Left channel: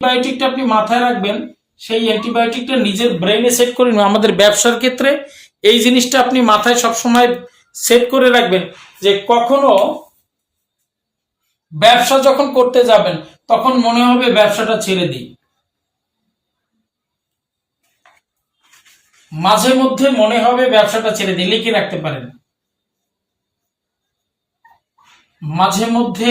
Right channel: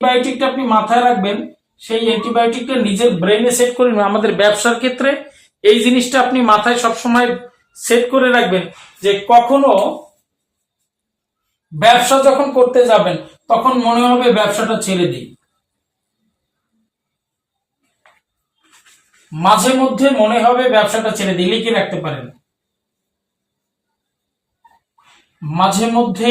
অ্যান্টিবায়োটিকটা আপনি মাথায় রাখবেন, সেই অ্যান্টিবায়োটিকটা নিজের ব্রেনে সেট করে নিন। আমাদের ব্যবসার ক্ষেত্রে এই জিনিসটা আপনি মাথায় সবসময় সেট করে রাখবেন যে কখনো ব্যবসা যখন করতে যাবেন, তখন মনে হবে ব্যবসাটা ছেড়ে দিই। মাঝে মধ্যে মনে হবে ব্যবসাটা ছেড়ে দিই, লিখে রাখতে পারেন। মাঝে মধ্যে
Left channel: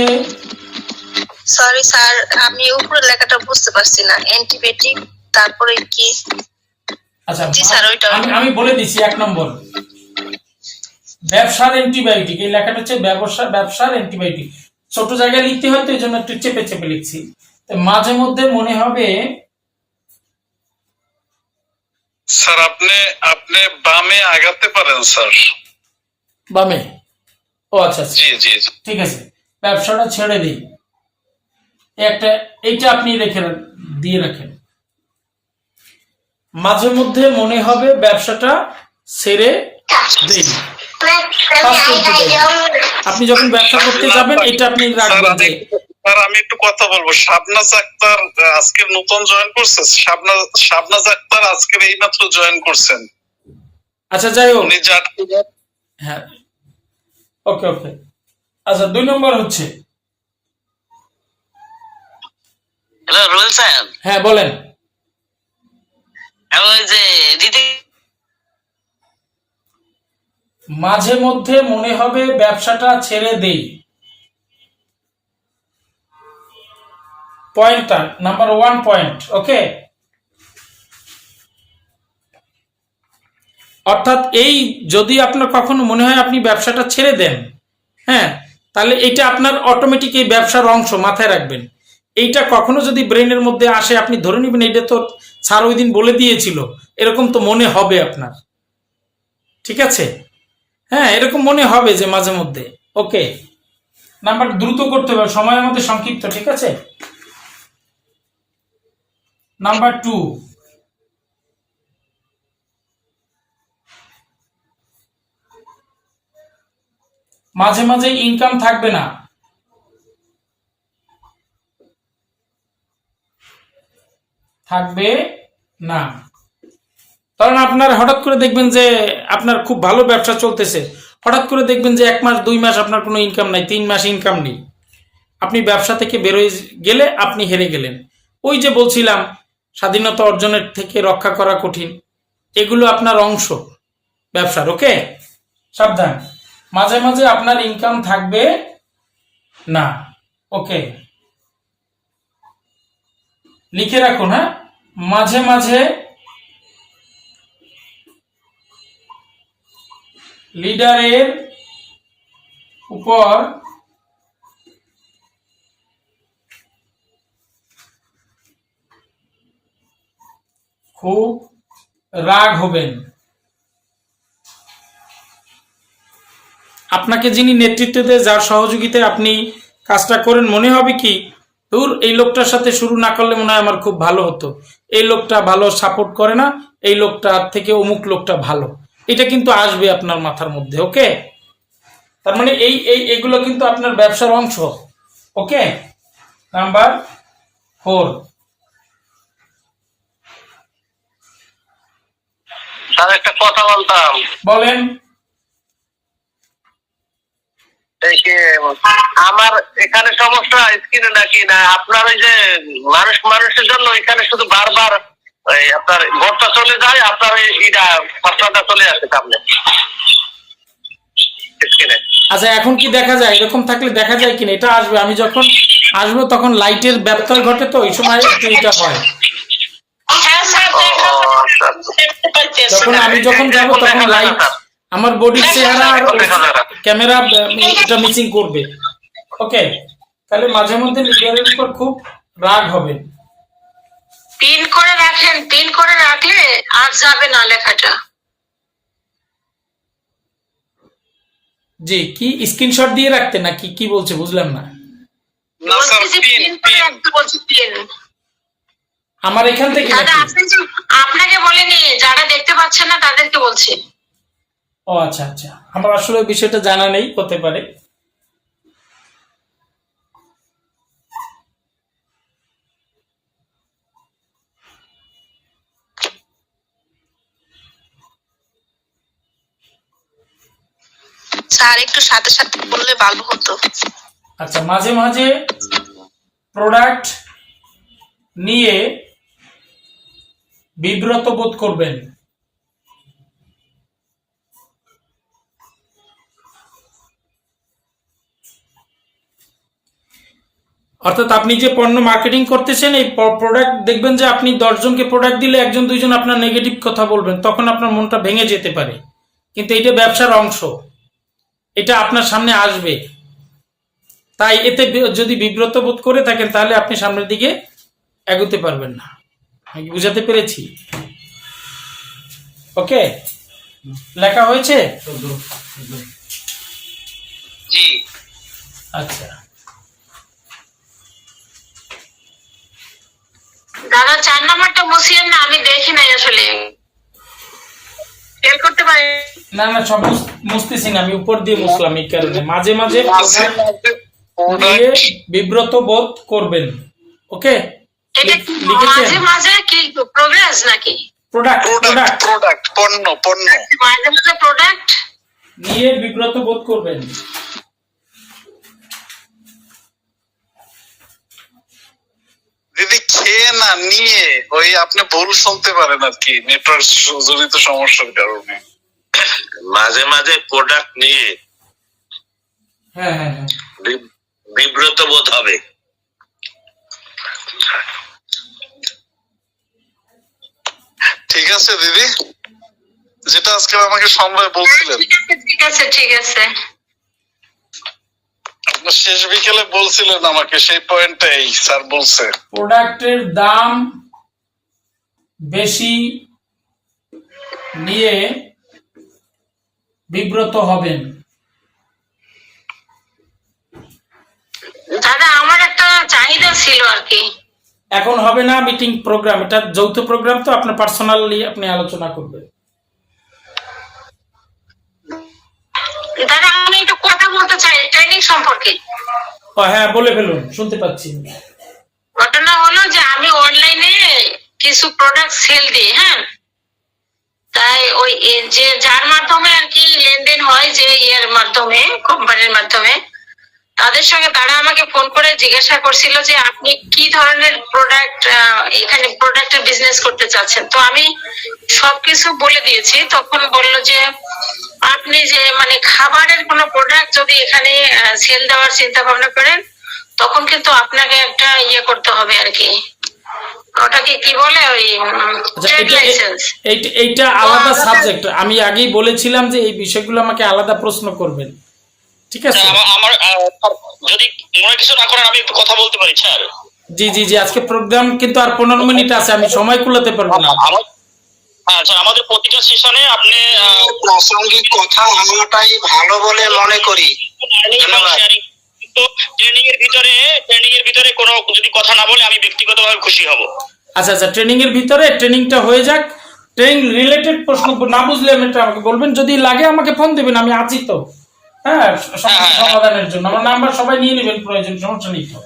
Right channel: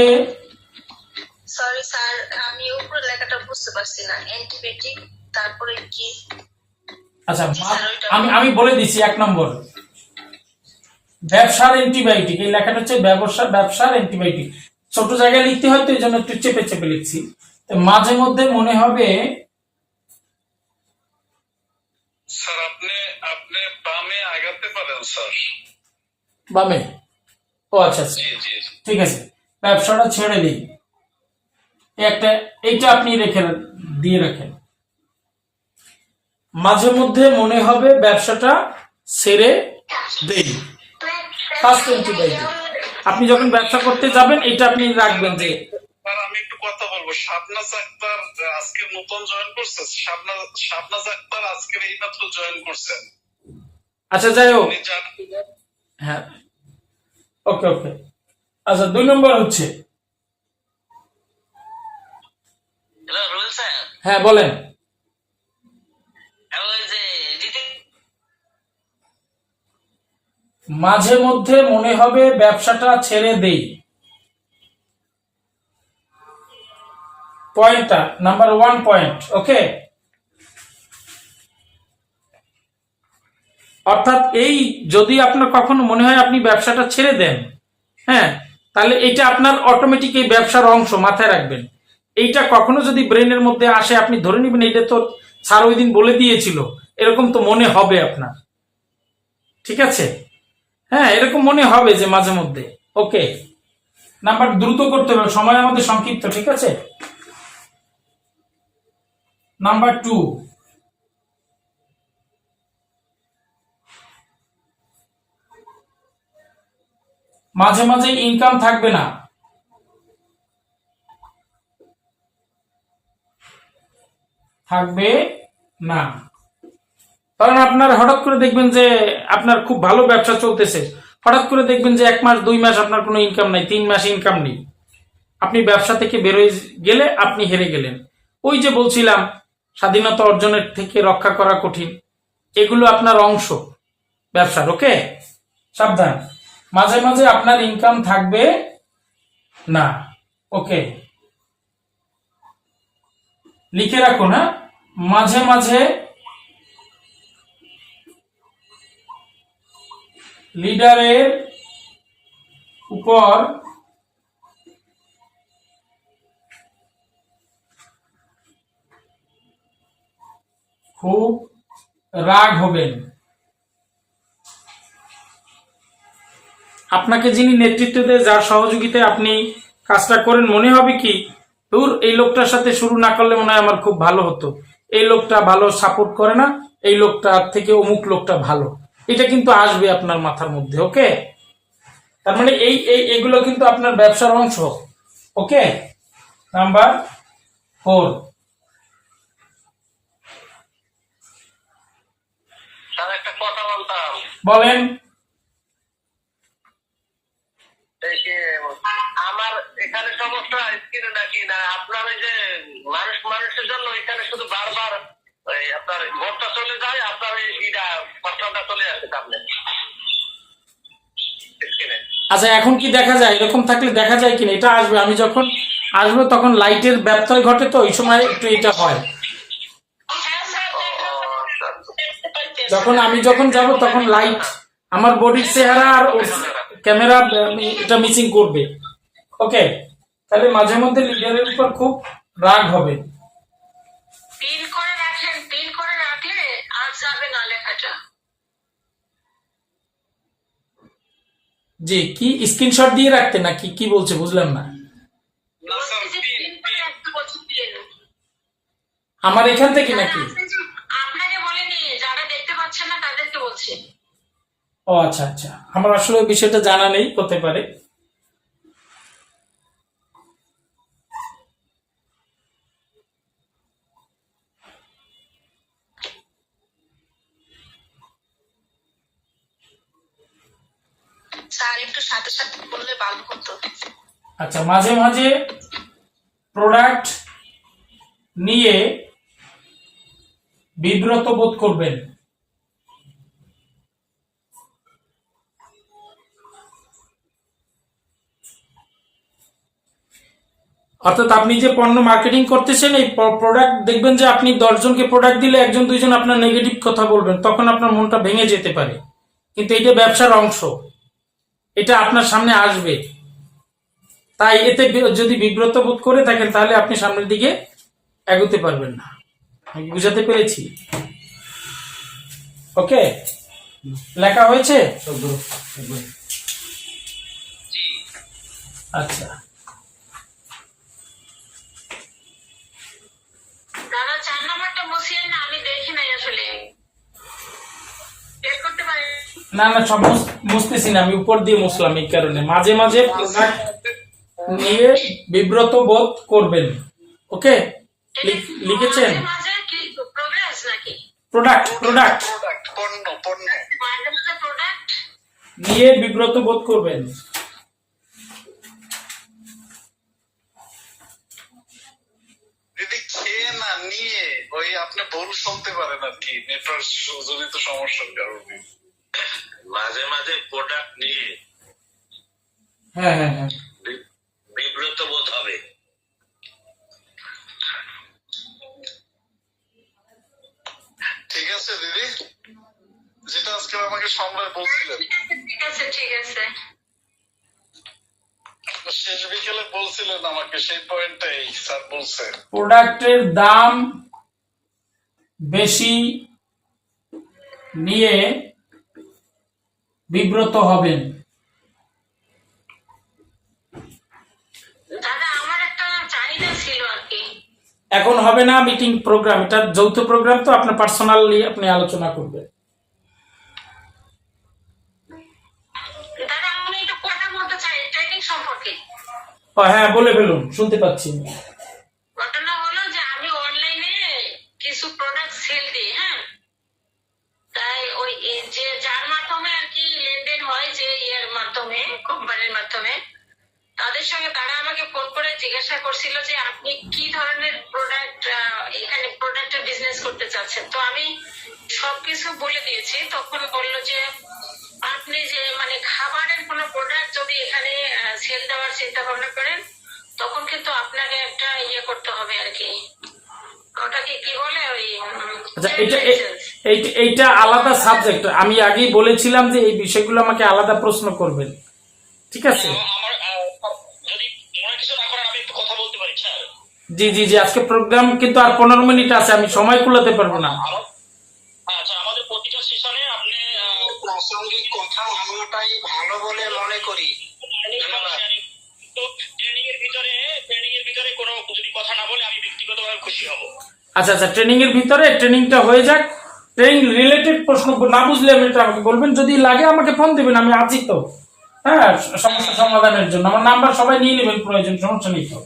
সরি স্যার আমি উপরের লেখাটা বুঝতে পারছি না। অ্যান্টিবায়োটিক তারপরে কি? আচ্ছা জি স্যার, ওইটা- আমি আমি বলে দিচ্ছি এক নম্বর। ব্যবসার অ্যান্টিবায়োটিক এই লেখাটা হচ্ছে ব্যবসা ব্যবসার অ্যান্টিবায়োটিক ছোট জায়গায় লিখতে হয় তো এই জন্য একটু চেপে চেপে লিখছি। তো মাঝে মধ্যে মনে হবে স্যার আপনি আপনি বামে আগাতে পারেন স্যার। বামে? ও আচ্ছা আচ্ছা। জি জি। ঠিক আছে। ব্যবসাটা ছেড়ে দিই। একটা এইটা আপনি রেখে দিয়ে রাখেন। মাঝে মধ্যে মনে হবে ব্যবসাটা ছেড়ে দেই আপনি যখন ব্যবসা করতে যাবেন এটা আপনি রাখবেন। আমি যে স্যার আমি একটু কথা বলব। শাবনাজ আক্তার আজকে নতুন জয়েন করছে। শাবনাজ শাবনাজ আক্তার আজকের এইমাত্র জয়েন করছেন। আচ্ছা যাই হোক। হ্যাঁ। ওকে ওকে। আচ্ছা দুই নম্বর হচ্ছে হ্যালো রুল সাহেব হ্যাঁ বলেন। ওই যে মাঝে মধ্যে মনে হবে ব্যবসাটা ছেড়ে দেই। পয়েন্টটা নাম্বার ওয়ান পয়েন্ট ওকে অর্থাৎ এই যদি আপনার কখনো মনে হয় আপনি ব্যবসাটা ছেড়ে দেন হ্যাঁ তাহলে এটা আপনার অটোমেটিক এই ব্যবসার অংশ মাথায় রাখবেন। এইটা কখনো যদি ব্রেনের মধ্যে আসে, আপনি ধরে নেবেন এইটা তো স্যার ওই দিন বলে দিয়েছিল। এরকম তো মনে হবে আপনার। ঠিক আছে? হ্যাঁ এরকম মনে হবে যে মাঝে মধ্যে। ওকে। নাম্বার দ্রুত করতে হবে সময় আমাদের সংক্ষিপ্ত, ঠিক আছে? Number two. মাঝে মাঝে ইনকাম থাকবে না। থাকবে না। কারণ আপনার হঠাৎ করে দেখবেন যে আপনার খুব ভালো ব্যবসা চলতেছে। হঠাৎ করে দেখবেন যে এক মাস, দুই মাস আপনার কোনো ইনকাম নাই, তিন মাস ইনকাম নেই। আপনি ব্যবসা থেকে বেরোয় গেলে আপনি হেরে গেলেন। ওই যে বলছিলাম, স্বাধীনতা অর্জনের থেকে রক্ষা করা কঠিন। এগুলো আপনার অংশ ব্যবসার, ওকে? সাবধান। মাঝে মাঝে আপনার ইনকাম থাকবে না, ওকে? লিখে রাখুন হ্যাঁ মাঝে মাঝে লিডারের উপর খুব রাগ হবেন। আপনাকে যিনি নেতৃত্ব দেয়, যার সহযোগিতায় আপনি কাজটা করেন, মনে হবে কি দূর এই লোকটার সাথে শুরু না করলে মনে হয় আমার খুব ভালো হতো। এই লোকটা ভালো সাপোর্ট করে না এই লোকটার থেকে অমুক লোকটা ভালো। এটা কিন্তু আসবে আপনার মাথার মধ্যে ওকে তার মানে এই এই এগুলো কিন্তু আপনার ব্যবসার অংশ ওকে নাম্বার ফোর স্যার একটা কথা বলতাম। বলেন এই যে আমার এখানে সমস্যা স্কিনে নাকি না আপনার ওই যে মানুষ মানুষের জন্য এখানে শুধু বারবার আপনার ভোটটা চলে যায় আপনার ওই ইটা ফসলাটা চলে আসে সামনে। স্কিনে আচ্ছা এখন কি দেখা যায়? এরকম থাকলে দেখা যায় কিনা? এটা আসবে আমি যখন আসব তখন লাইটের ব্যত্যয় ঘটে তো এই সময় একটু এটা হয়। হ্যাঁ আচ্ছা। যখন আমি যখন যাব তখন লাইট আমার বডির চেহারা আর ক্যামেরা এটা মিসিং করবে। ওকে তাহলে মাঝে মধ্যে লিডারের উপর খুব রাগ হবে। পিন করে রাখেন পিন করে রাখলে আর যাবে না লেখাটা। জি কি স্ক্রিনশট দিয়ে রাখতে না কি কি বলছে বুঝলাম না। আমার এখান থেকে আপনাকে বলেনি যারা দেখতে পাচ্ছেন না তাদেরকে বলছি। ও আচ্ছা আচ্ছা। আমার আসলে বিষয়টা জানা নেই হতে পারে। স্যার একটু সাথে সাথে বললে ভালো হতো। আচ্ছা মাঝে মাঝে প্রোডাক্ট নিয়ে বিব্রত বোধ করবেন। অর্থাৎ আপনি যে পণ্য মার্কেটিং করতেছেন এই প্রোডাক্ট দেখবেন যে আপনি দশজনকে প্রোডাক্ট দিলে একজন দুইজন আপনার নেগেটিভ কথা বলবেন তখন আপনার মনটা ভেঙে যেতে পারে। কিন্তু এটা ব্যবসার অংশ। এটা আপনার সামনে আসবে। তাই এতে যদি বিব্রত বোধ করে থাকেন তাহলে আপনি সামনের দিকে এগোতে পারবেন না। আমি বুঝাতে পেরেছি? ওকে? লেখা হয়েছে? আচ্ছা। দাদা চার নাম্বারটা মুসিয়েন না আমি দেখি নাই আসলে। করতে পারি? না না সব মুছতেছি না আমি উপর দিয়ে মুছলাম এই কারণে। মাঝে মাঝে দিয়ে বিব্রত বোধ করবেন। ওকে? লিখেছেন? মাঝে মাঝে কি প্রোগ্রেস নাকি? প্রোডাক্ট প্রোডাক্ট প্রোডাক্ট প্রোডাক্ট পণ্য পণ্য। মাঝে মাঝে প্রোডাক্ট নিয়ে বিব্রত বোধ করবেন। দিদি খেয়ে না নিয়ে ওই আপনি ভুল শুনতে পারেন আর কি নেটওয়ার্ক জড়িত সমস্যার কারণে। মাঝে মাঝে প্রোডাক্ট নিয়ে হ্যাঁ হ্যাঁ হ্যাঁ। বিব্রত বোধ হবে। ঠিক আছে দিদি যেটা আজকে আমাকে সময় বলছিলেন। ঠিক আছে ঠিক আছে। আপনি শেষ বিকেলে বলছিলেন আমাকে সেই পয়েন্টটাই স্যার বলছে। প্রোডাক্টের দাম বেশি নিয়ে বিব্রত হবেন। দাদা আমার একটা চাহিদা ছিল আর কি। এখন হবে না মিটিং প্রোগ্রাম এটা যৌথ প্রোগ্রাম তো আপনার পার্সোনালি আপনি আলোচনা করবেন। হ্যাঁ বলে ফেলুন, শুনতে পাচ্ছি। ঘটনা হলো যে আমি অনলাইনে কিছু প্রোডাক্ট সেল দিই হ্যাঁ? তাই ওই যে, যার মাধ্যমে আর কি লেনদেন হয় যে ইয়ের মাধ্যমে কোম্পানির মাধ্যমে, তাদের সঙ্গে তারা আমাকে ফোন করে জিজ্ঞাসা করছিল যে আপনি কি ধরনের প্রোডাক্ট এখানে প্রোডাক্টের বিজনেস করতে চাচ্ছেন? তো আমি সবকিছু বলে দিয়েছি। তখন বলল যে আপনি যে মানে খাবারের কোনো প্রোডাক্ট যদি এখানে সেল দেওয়ার চিন্তা ভাবনা করেন তখন কিন্তু আপনাকে একটা ইয়ে করতে হবে আর কি। ওটাকে কি বলে ওই আচ্ছা এইটা আলাদা সাবজেক্ট আমি আগেই বলেছিলাম যে এই বিষয়গুলো আমাকে আলাদা প্রশ্ন করবেন। ঠিক আছে? আমার আমার, যদি মনে কিছু না করেন আমি একটু কথা বলতে পারি স্যার। জি জি জি আজকে প্রোগ্রাম কিন্তু আর পনেরো মিনিট আছে আমি সময় কুলাতে পারব না। আমার আচ্ছা আমাদের প্রতিটা সেশনে আপনি প্রাসঙ্গিক কথা হওয়াটাই ভালো বলে মনে করি। ধন্যবাদ। ট্রেনিং এর ভিতরে ট্রেনিং এর ভিতরে কোনো যদি কথা না বলে আমি ব্যক্তিগতভাবে খুশি হব। আচ্ছা আচ্ছা ট্রেনিং এর ভিতরে ট্রেনিংটা হয়ে যাক। ট্রেনিং রিলেটেড প্রশ্ন না বুঝলে আমি আমাকে বলবেন যদি লাগে আমাকে ফোন দিবেন আমি আছি তো। হ্যাঁ সমস্যা সমাধানের জন্য। আমার নাম্বার সবাই নিয়ে নেবেন প্রয়োজন সমস্যা নেই তো।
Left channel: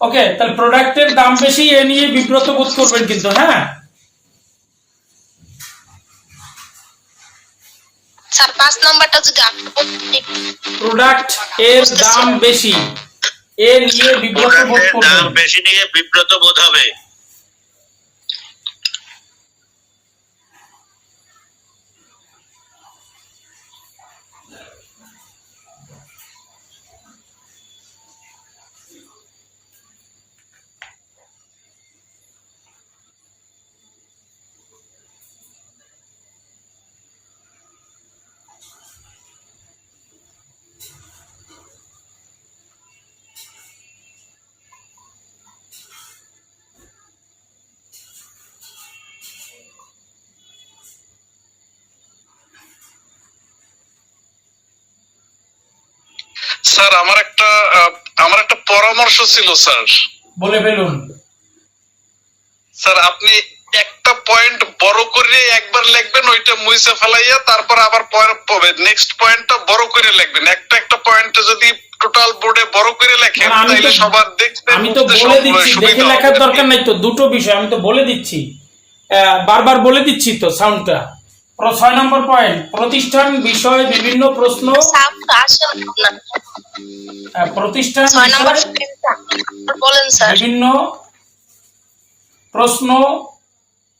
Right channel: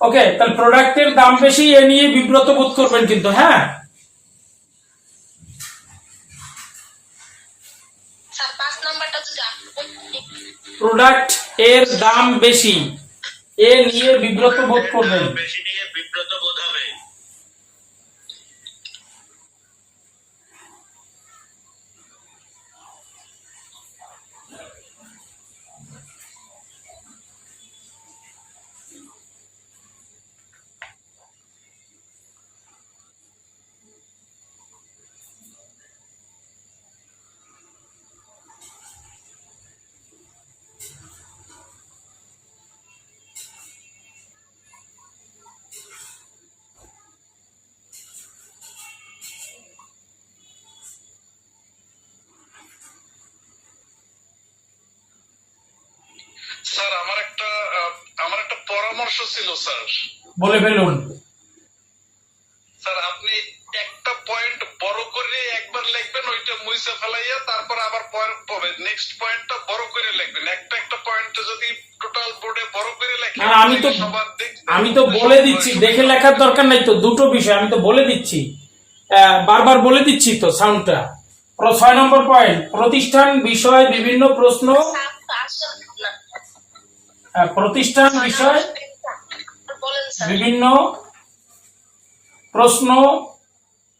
ওকে তাহলে প্রোডাক্টের দাম বেশি এ নিয়ে বিব্রত বোধ করবেন কিন্তু হ্যাঁ? স্যার পাঁচ নাম্বারটা যদি আপনি প্রোডাক্টের দাম বেশি। এ নিয়ে বিব্রত বোধ দাম করবেন। বেশি নিয়ে বিব্রত বোধ হবে। স্যার আমার একটা আমার একটা পরামর্শ ছিল স্যার। বলে ফেলুন। স্যার আপনি একটা পয়েন্ট বড় করে একবার লিখবেন ওইটা মুইসে ফেলাইয়া তারপর আবার নেক্সট পয়েন্টটা বড় করে লিখবেন। একটা একটা পয়েন্টে যদি টোটাল বোর্ডে বড় করে লেখেন তাহলে সবার দেখতে আমি তো বলে দিচ্ছি দেখে লেখার দরকার নাই তো দুটো বিষয় আমি তো বলে দিচ্ছি। আহ, বারবার বলে দিচ্ছি তো সাউন্ডটা ছয় নম্বর পয়েন্ট প্রতিষ্ঠান বিষয়ে বিভিন্ন প্রশ্ন প্রতিষ্ঠান বিভিন্ন প্রশ্ন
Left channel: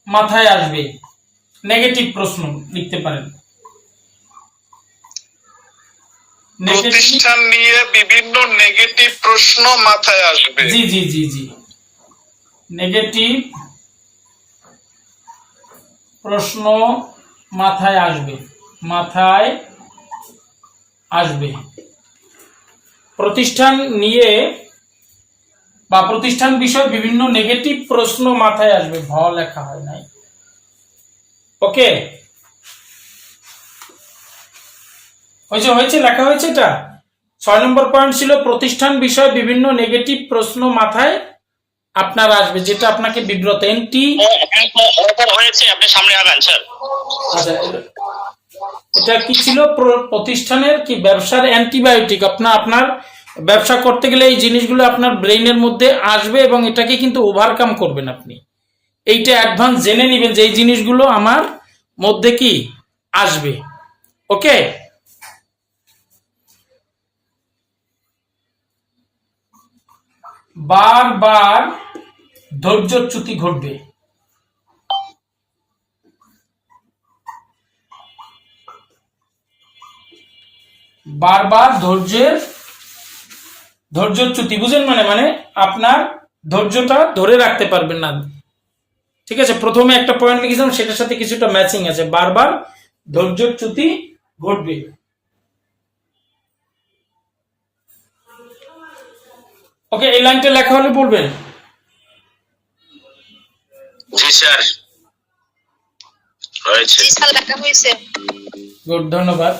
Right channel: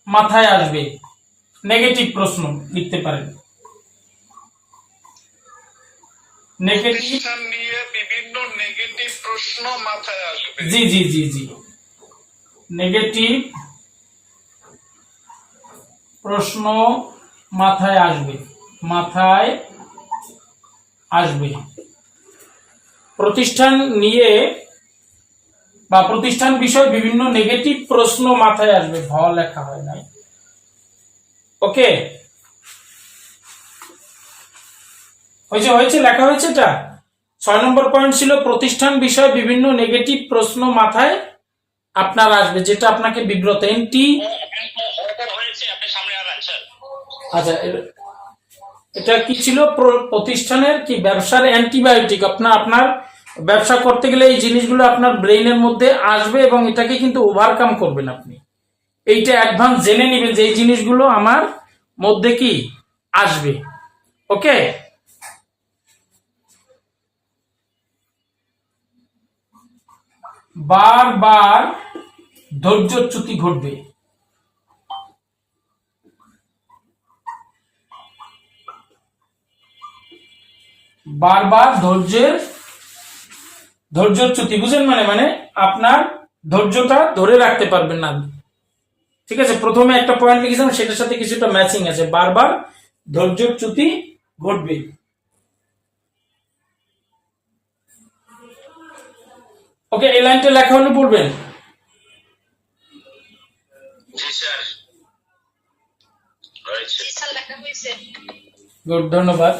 মাথায় আসবে। নেগেটিভ প্রশ্ন লিখতে পারেন। প্রতিষ্ঠান নিয়ে বিভিন্ন নেগেটিভ প্রশ্ন মাথায় আসবে। জি জি জি জি। নেগেটিভ প্রশ্ন মাথায় আসবে। মাথায় আসবে। প্রতিষ্ঠান নিয়ে বা প্রতিষ্ঠান বিষয়ে বিভিন্ন নেগেটিভ প্রশ্ন মাথায় আসবে ভ লেখা হয় নাই। ওকে হয়েছে হয়েছে লেখা হয়েছে এটা? ছয় নম্বর পয়েন্ট ছিল প্রতিষ্ঠান বিষয়ে বিভিন্ন নেগেটিভ প্রশ্ন মাথায় আপনার আসবে যেটা আপনাকে বিব্রত এনটি হ্যাঁ, হ্যাঁ, হ্যাঁ, হয়েছে আপনি সামনে আগান স্যার। আচ্ছা এটা কি ছিল প্রতিষ্ঠানের কি ব্যবসার অ্যান্টিবায়োটিক? আপনার আপনার ব্যবসা করতে গেলে এই জিনিসগুলো আপনার ব্রেইনের মধ্যে আসবে এবং এটাকে কিন্তু ওভারকাম করবেন আপনি। এইটা অ্যাডভান্স জেনে নেবেন যে এই জিনিসগুলো আমার মধ্যে কি আসবে। ওকে? বারবার ধৈর্যচ্যুতি ঘটবে। বারবার ধৈর্যের ধৈর্যচ্যুতি বুঝেন মানে মানে আপনার ধৈর্যটা ধরে রাখতে পারবেন না। ঠিক আছে প্রথমে একটা পয়েন্ট লিখেছিলাম সেটার সাথে কিছুটা ম্যাচিং আছে। বারবার ধৈর্যচ্যুতি ঘটবে। ওকে এই লাইনটা লেখা হলে বলবেন? জি স্যার। হয়েছে। জি স্যার লেখা হয়েছে। গুড ধন্যবাদ।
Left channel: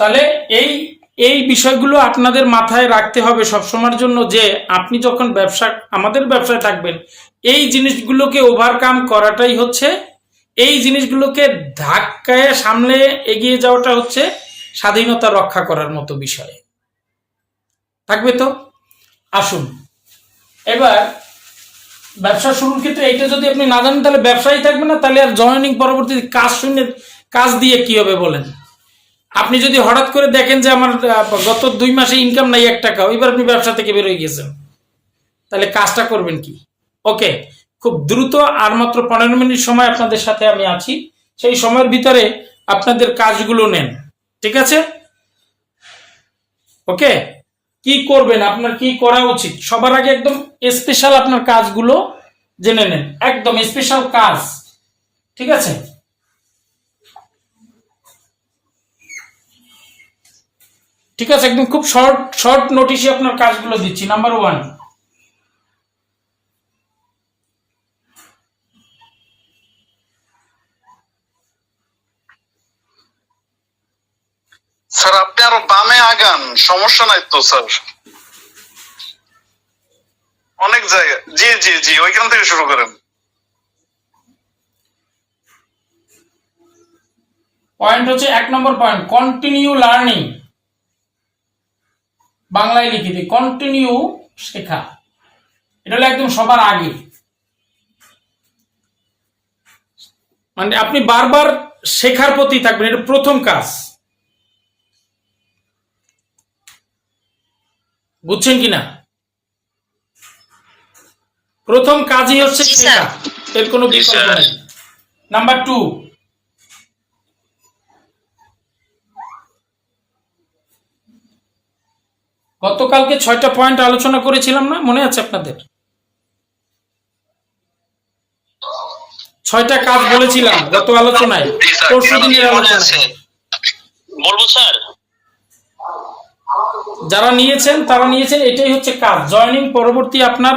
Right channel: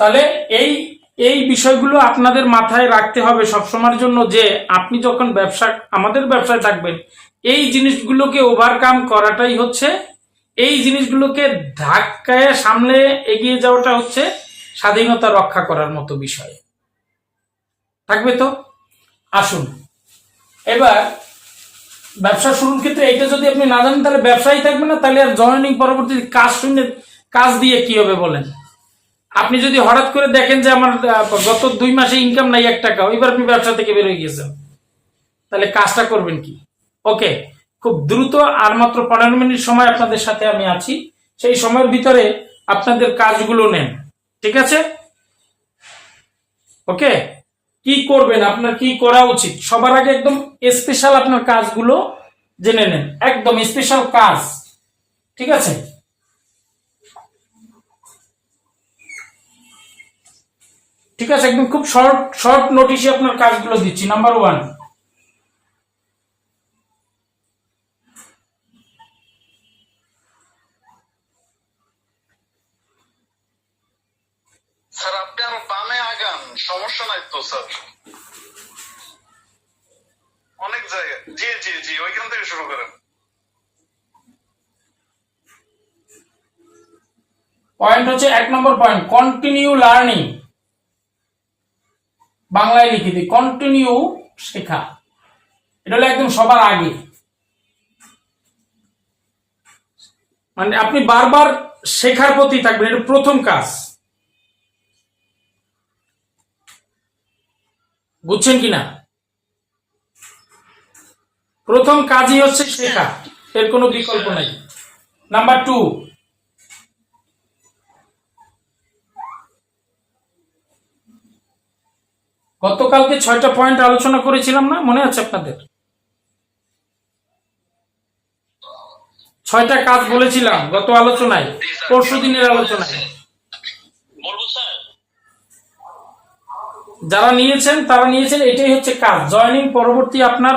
তাহলে এই এই বিষয়গুলো আপনাদের মাথায় রাখতে হবে সবসময়ের জন্য যে আপনি যখন ব্যবসা, আমাদের ব্যবসায় থাকবেন, এই জিনিসগুলোকে ওভারকাম করাটাই হচ্ছে, এই জিনিসগুলোকে ধাক্কায় সামলে এগিয়ে যাওয়াটা হচ্ছে স্বাধীনতা রক্ষা করার মতো বিষয়। থাকবে তো? আসুন। এবার, ব্যবসা শুরুর ক্ষেত্রে এটা যদি আপনি না জানেন, তাহলে ব্যবসায়ী থাকবে না, তাহলে আর জয়েনিং পরবর্তী কাজ শুনে, কাজ দিয়ে কি হবে বলেন? আপনি যদি হঠাৎ করে দেখেন যে আমার গত দুই মাসে ইনকাম নাই এক টাকা এবার আপনি ব্যবসা থেকে বেরোয় গেছেন তাহলে কাজটা করবেন কি? ওকে খুব দ্রুত আর মাত্র পনেরো মিনিট সময় আপনাদের সাথে আমি আছি। সেই সময়ের ভিতরে আপনাদের কাজগুলো নেন, ঠিক আছে? ওকে কি করবেন? আপনার কি করা উচিত? সবার আগে একদম স্পেশাল আপনার কাজগুলো জেনে নেন। একদম স্পেশাল কাজ, ঠিক আছে? ঠিক আছে একদম খুব শর্ট শর্ট নোটিশে আপনার কাজগুলো দিচ্ছি। নাম্বার ওয়ান স্যার আপনি আরও বামে আগান। সমস্যা নাই তো স্যার। অনেক জায়গা জি জি জি ওইখান থেকে শুরু করেন। পয়েন্ট হচ্ছে এক নম্বর পয়েন্ট কন্টিনিউ লার্নিং বাংলায় লিখে দিই কন্টিনিউ শেখা। এটা হলো একদম সবার আগে। মানে আপনি বারবার শেখার প্রতি থাকবেন এটা প্রথম কাজ। বুঝছেন কিনা প্রথম কাজই হচ্ছে শেখা এর কোনো বিকল্প। নেই। নাম্বার টু গতকালকে ছয়টা পয়েন্ট আলোচনা করেছিলাম না? মনে আছে আপনাদের? ছয়টা কাজ বলেছিলাম গত আলোচনায়। পরশু দিনের আলোচনায়। বলব স্যার। যারা নিয়েছেন তারা নিয়েছেন এটাই হচ্ছে কাজ। জয়েনিং পরবর্তী আপনার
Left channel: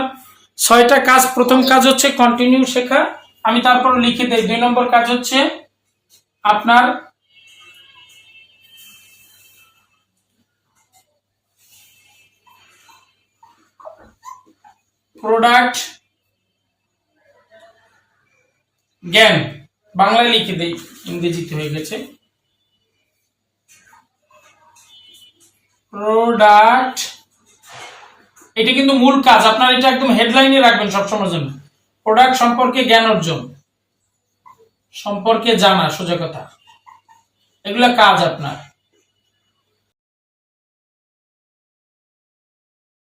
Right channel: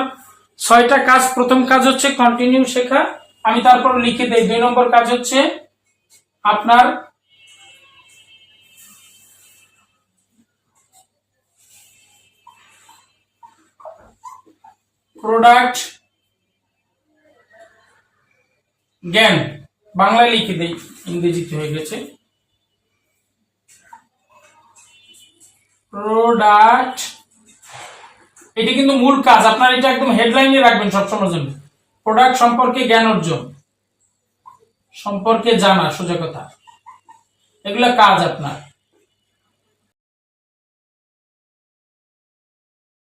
ছয়টা কাজ প্রথম কাজ হচ্ছে কন্টিনিউ শেখা। আমি তারপর লিখে দেই। দুই নম্বর কাজ হচ্ছে আপনার প্রোডাক্ট জ্ঞান। বাংলায় লিখে দেই, ইংরেজিতে হয়ে গেছে। প্রোডাক্ট এটা কিন্তু মূল কাজ। আপনার এটা একদম হেডলাইনে রাখবেন সবসময়ের জন্য। প্রোডাক্ট সম্পর্কে জ্ঞান অর্জন। সম্পর্কে জানা, সোজা কথা। এগুলা কাজ আপনার।